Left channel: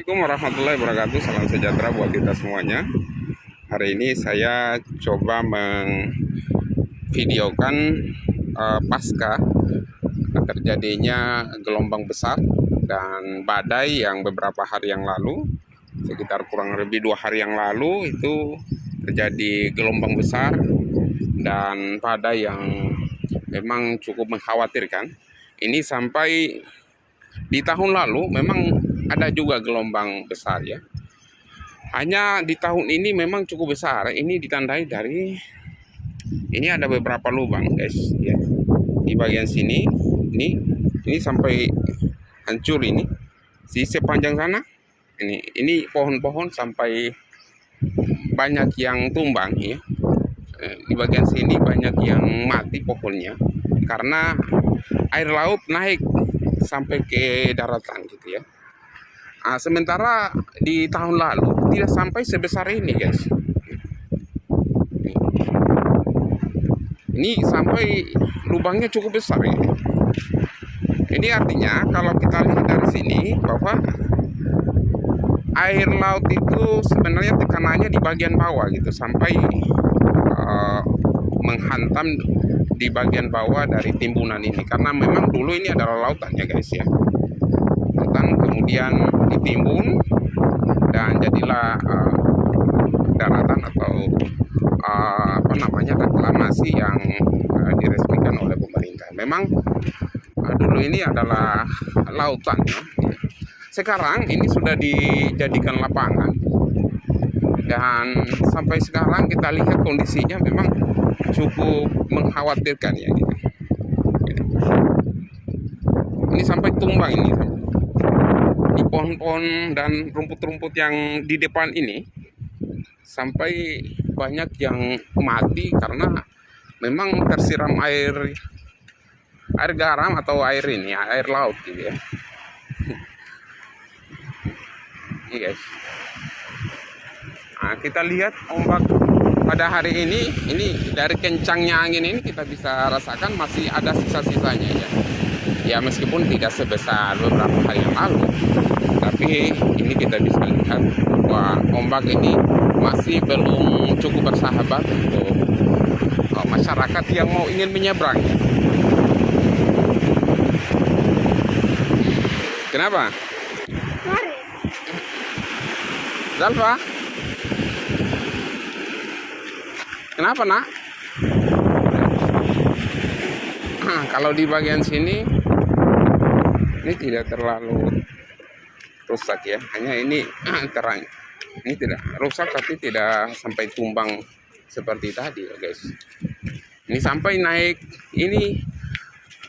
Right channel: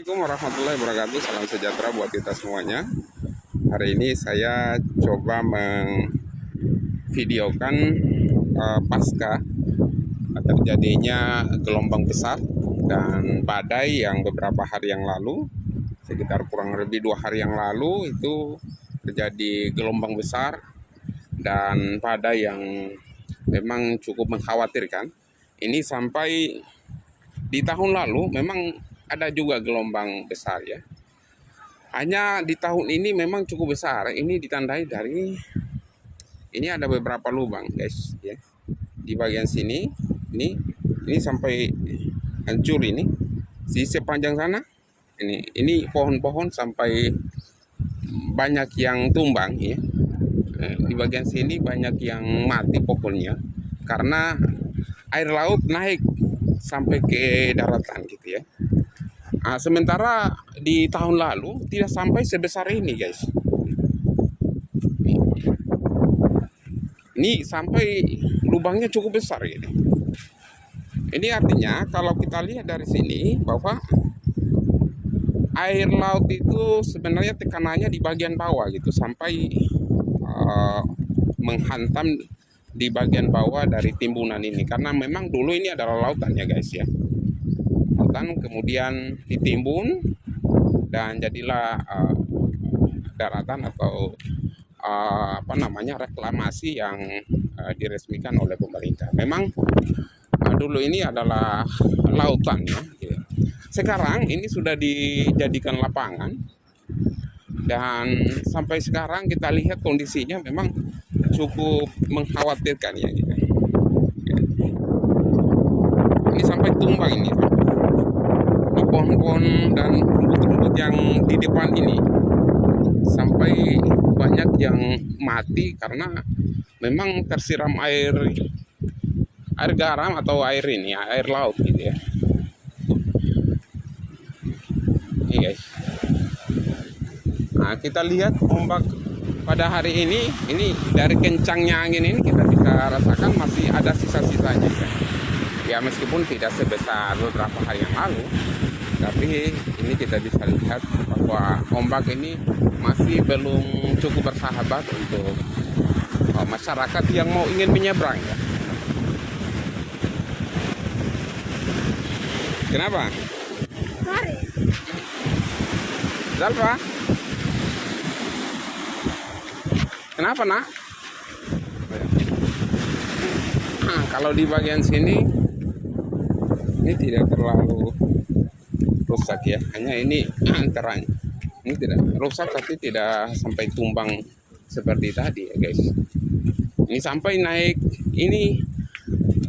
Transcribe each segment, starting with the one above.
Assalamualaikum warahmatullahi wabarakatuh. Salam sejahtera buat kita semuanya. Hari ini saya coba mengvideokan pasca terjadinya gelombang besar dan badai yang beberapa hari yang lalu, sekitar kurang lebih 2 hari yang lalu itu terjadi gelombang besar dan badai yang memang cukup mengkhawatirkan. Ini sampai di tahun lalu memang ada juga gelombang besar ya. Hanya di tahun ini memang cukup besar. Ini ditandai dari ini ada beberapa lubang guys ya. Di bagian sini ini sampai hancur ini. Di sepanjang sana ini pohon-pohon sampai banyak yang tumbang ya. Di bagian sini banyak yang mati pohonnya karena air laut naik sampai ke daratan gitu ya. Sementara di tahun lalu tidak sampai sebesar ini guys. Ini sampai lubangnya cukup besar ini. Ini artinya kalau kita lihat dari sini bahwa air laut itu sebenarnya tekanannya di bagian bawah gitu sampai menghantam di bagian bawah dari timbunan ini, karena memang dulu ini adalah lautan ya guys ya. Lautan kemudian ditimbun dan jadilah daratan atau reklamasi yang diresmikan oleh pemerintah. Memang dulu ini adalah lautan ya. Sekarang ini sudah dijadikan lapangan dan sampai sekarang kita lihat kondisinya memang cukup mengkhawatirkan ya gitu. Ini sampai tumbang ini di pohon-pohon dan rumput-rumput yang di depan ini, sampai banyak yang mati karena memang tersiram air garam atau air laut gitu ya. Ini guys. Nah, kita lihat ombak pada hari ini dari kencangnya angin ini kita bisa rasakan masih ada sisa-sisanya ya. Ya meskipun tidak sebesar beberapa hari yang lalu, tapi ini kita bisa lihat bahwa ombak ini masih belum cukup bersahabat untuk masyarakat yang mau ingin menyeberang ya. Kenapa? Zalfa? Kenapa nak? Kalau di bagian sini ini tidak terlalu rusak ya, hanya ini terang. Ini tidak rusak tapi tidak sampai tumbang seperti tadi ya guys. Ini sampai naik ini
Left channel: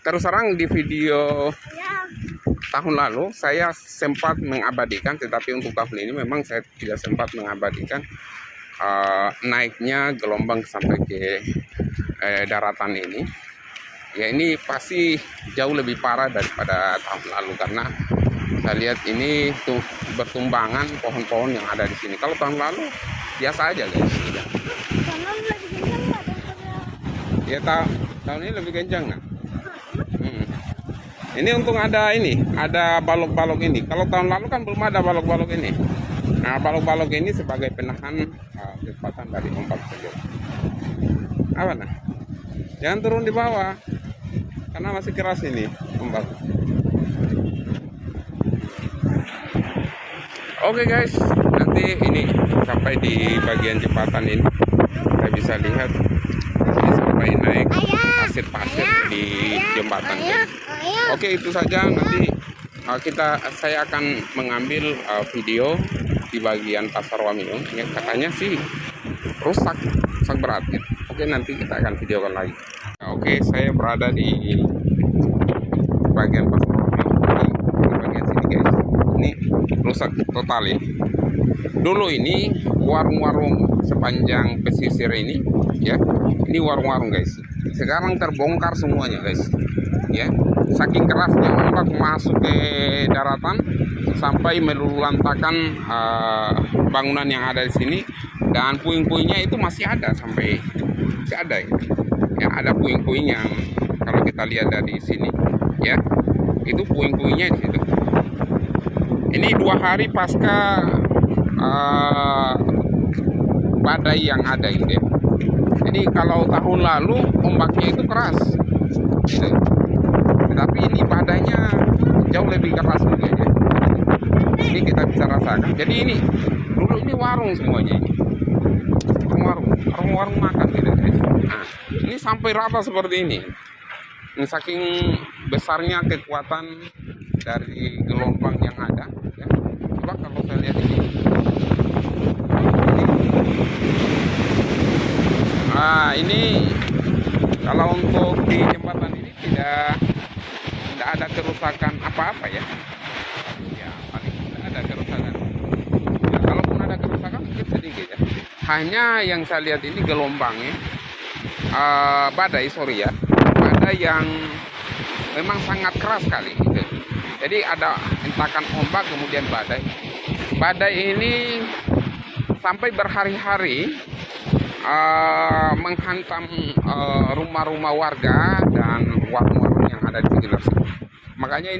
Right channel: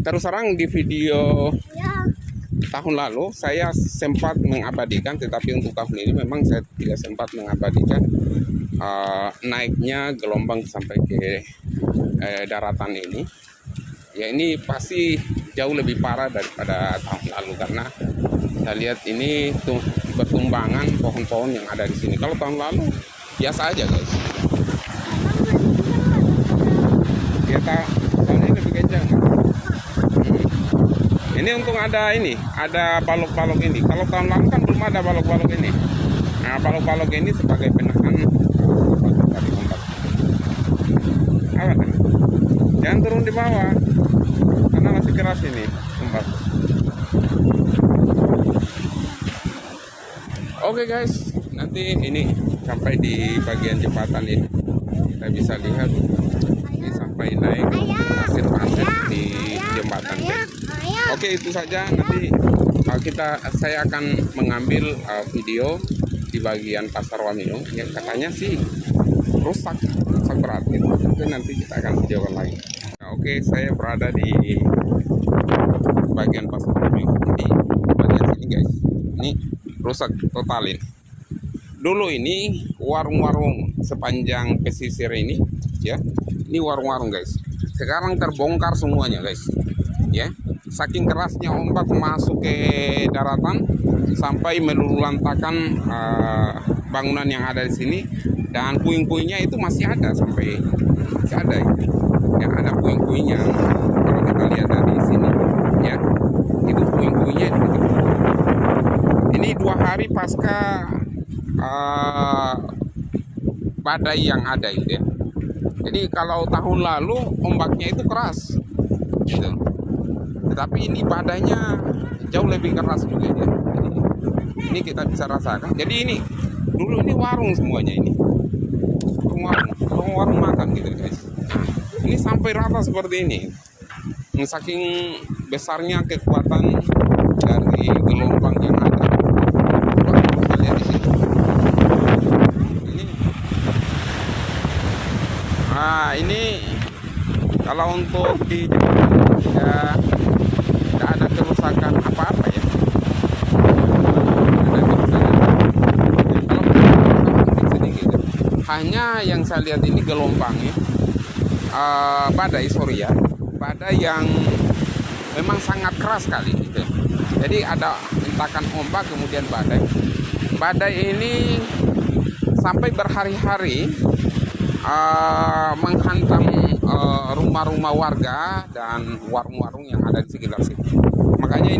terus terang di video tahun lalu saya sempat mengabadikan, tetapi untuk tahun ini memang saya tidak sempat mengabadikan naiknya gelombang sampai ke daratan ini. Ya ini pasti jauh lebih parah daripada tahun lalu karena saya lihat ini tuh bertumbangan pohon-pohon yang ada di sini. Kalau tahun lalu biasa aja guys. Ya tahun ini lebih kencang kan? Ini untung ada balok-balok ini. Kalau tahun lalu kan belum ada balok-balok ini. Nah balok-balok ini sebagai penahan dari ombak. Apa nah? Jangan turun di bawah karena masih keras ini ombak. Oke guys, nanti ini sampai di bagian jembatan ini kita bisa lihat ini sampai naik pasir-pasir di jembatan guys. Oke, itu saja. Nanti saya akan mengambil video di bagian Pasar Wameo. Ya, katanya sih rusak berat gitu. Oke, nanti kita akan videokan lagi. Nah, oke, saya berada di bagian Pasar Wameo. Di bagian sini guys. Ini rusak total ini. Dulu ini warung-warung sepanjang pesisir ini ya. Ini warung-warung guys. Sekarang terbongkar semuanya guys. Ya. Saking kerasnya ombak masuk ke daratan sampai meluluhlantakan bangunan yang ada di sini, dan puing-puingnya itu masih ada sampai ada ya, ada puing-puing yang kalau kita lihat dari sini ya, itu puing-puingnya di situ. Ini 2 hari pasca badai yang ada gitu ya. Jadi kalau tahun lalu ombaknya itu keras gitu. Tetapi ini badainya jauh lebih keras juga ya. Ini kita bisa rasakan. Jadi ini dulu ini warung semuanya ini. Warung makan gitu guys. Nah, ini sampai rata seperti ini. Saking besarnya kekuatan dari gelombang yang ada. Coba kalau kita lihat di sini. Ini kalau untuk di jembatan ini tidak ada kerusakan apa-apa ya. Ada kerusakan. Kalau kerusakan mungkin sedikit ya. Hanya yang saya lihat ini gelombangnya badai yang memang sangat keras sekali gitu. Jadi ada hentakan ombak kemudian badai. Badai ini sampai berhari-hari menghantam rumah-rumah warga dan warung-warung yang ada di sekitar sini. Makanya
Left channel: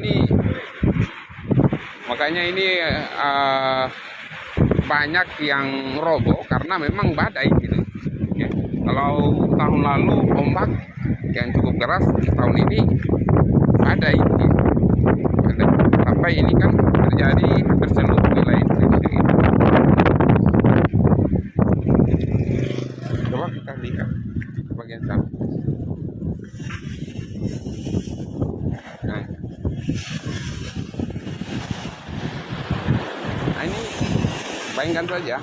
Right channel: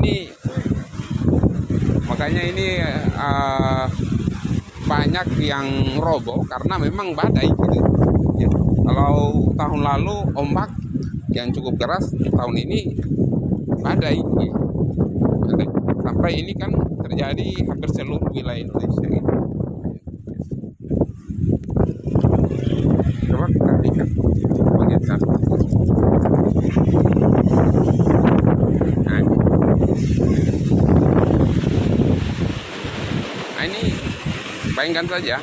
ini banyak yang roboh karena memang badai gitu. Ya. Kalau tahun lalu ombak yang cukup keras, tahun ini badai. Gitu. Sampai ini kan terjadi hampir seluruh wilayah Indonesia. Gitu. Coba kita lihat bagian sana. Nah ini bayangkan saja.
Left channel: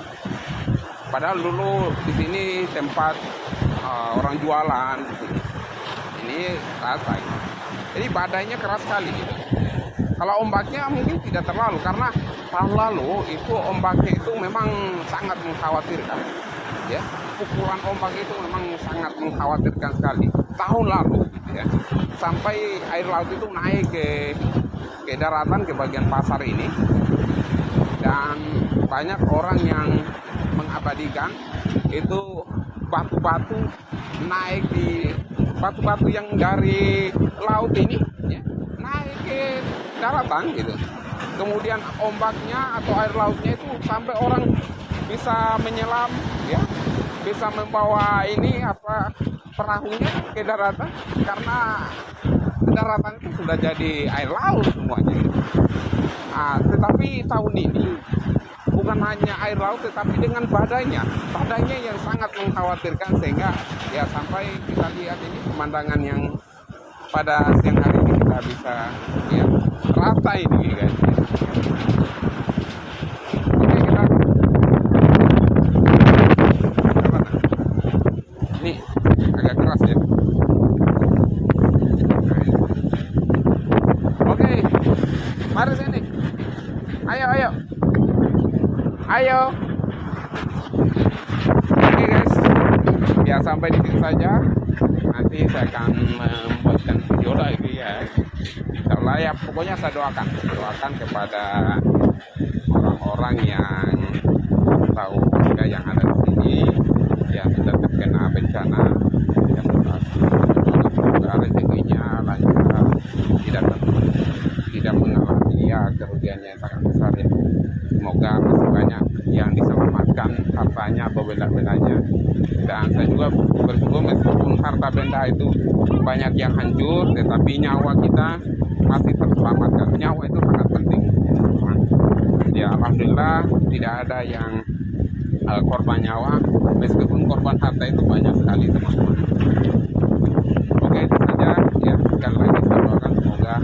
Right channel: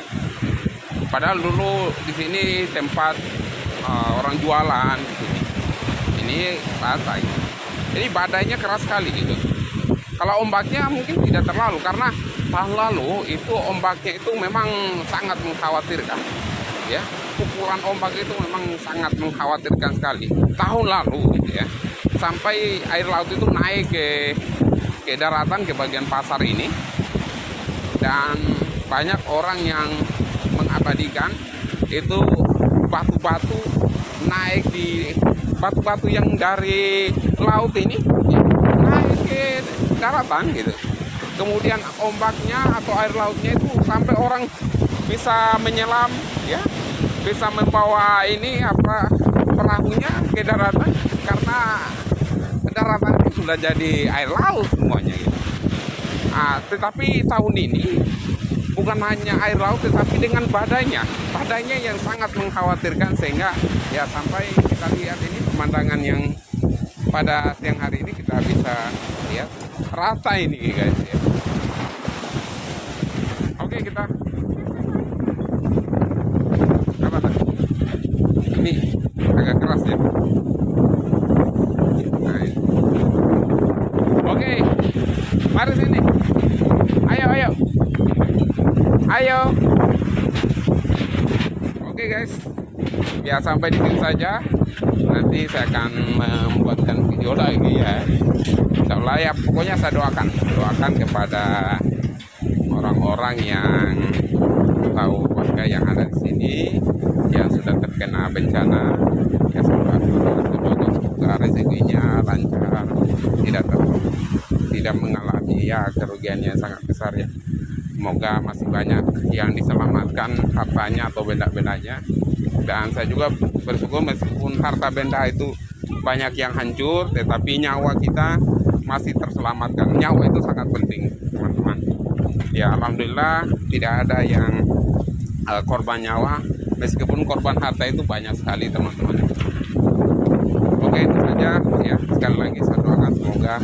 Padahal dulu di sini tempat orang jualan di sini. Ini rata ini. Jadi badainya keras sekali gitu. Kalau ombaknya mungkin tidak terlalu karena tahun lalu itu ombaknya itu memang sangat mengkhawatirkan. Ya, pukulan ombak itu memang sangat mengkhawatirkan sekali. Tahun lalu gitu ya. Sampai air laut itu naik ke daratan ke bagian pasar ini. Dan banyak orang yang mengabadikan itu batu-batu naik di batu-batu yang dari laut ini ya, naik ke daratan gitu. Kemudian ombaknya atau air lautnya itu sampai orang bisa menyelam ya, bisa membawa ini perahunya ke daratan karena daratan itu sudah jadi air laut semuanya gitu. Tetapi tahun ini bukan hanya air laut tetapi dengan badainya yang sangat mengkhawatirkan sehingga ya sampai kita lihat ini pemandangan yang pada siang hari ini kita bisa lihat rata ini guys. Oke, kita ini agak keras ya. Nah, oke, mari sini. Ayo. Oke guys, ya sampai di sini saja. Nanti saya akan membuatkan video lagi ya. Insyaallah ya, pokoknya saya doakan kepada orang-orang yang tahu warga yang ada di sini yang sudah terkena bencana. Ya semoga rezekinya lancar, tidak mengalami ya kerugian yang sangat besar ya. Semoga masih banyak yang diselamatkan hartanya atau benda-bendanya. Dan saya juga bersyukur meskipun harta benda itu banyak yang hancur, tetapi nyawa kita masih terselamatkan. Nyawa itu sangat penting, teman-teman. Ya alhamdulillah tidak ada yang korban nyawa, meskipun korban harta itu banyak sekali, teman-teman. Oke, itu saja ya. Sekali lagi saya doakan semoga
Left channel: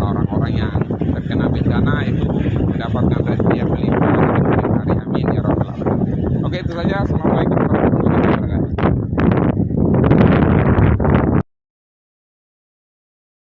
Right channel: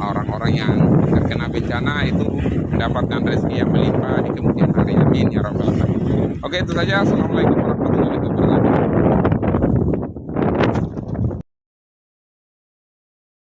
orang-orang yang terkena bencana itu mendapatkan rezeki yang melimpah di kemudian hari. Amin ya rabbal alamin. Oke, itu saja. Assalamualaikum warahmatullahi wabarakatuh.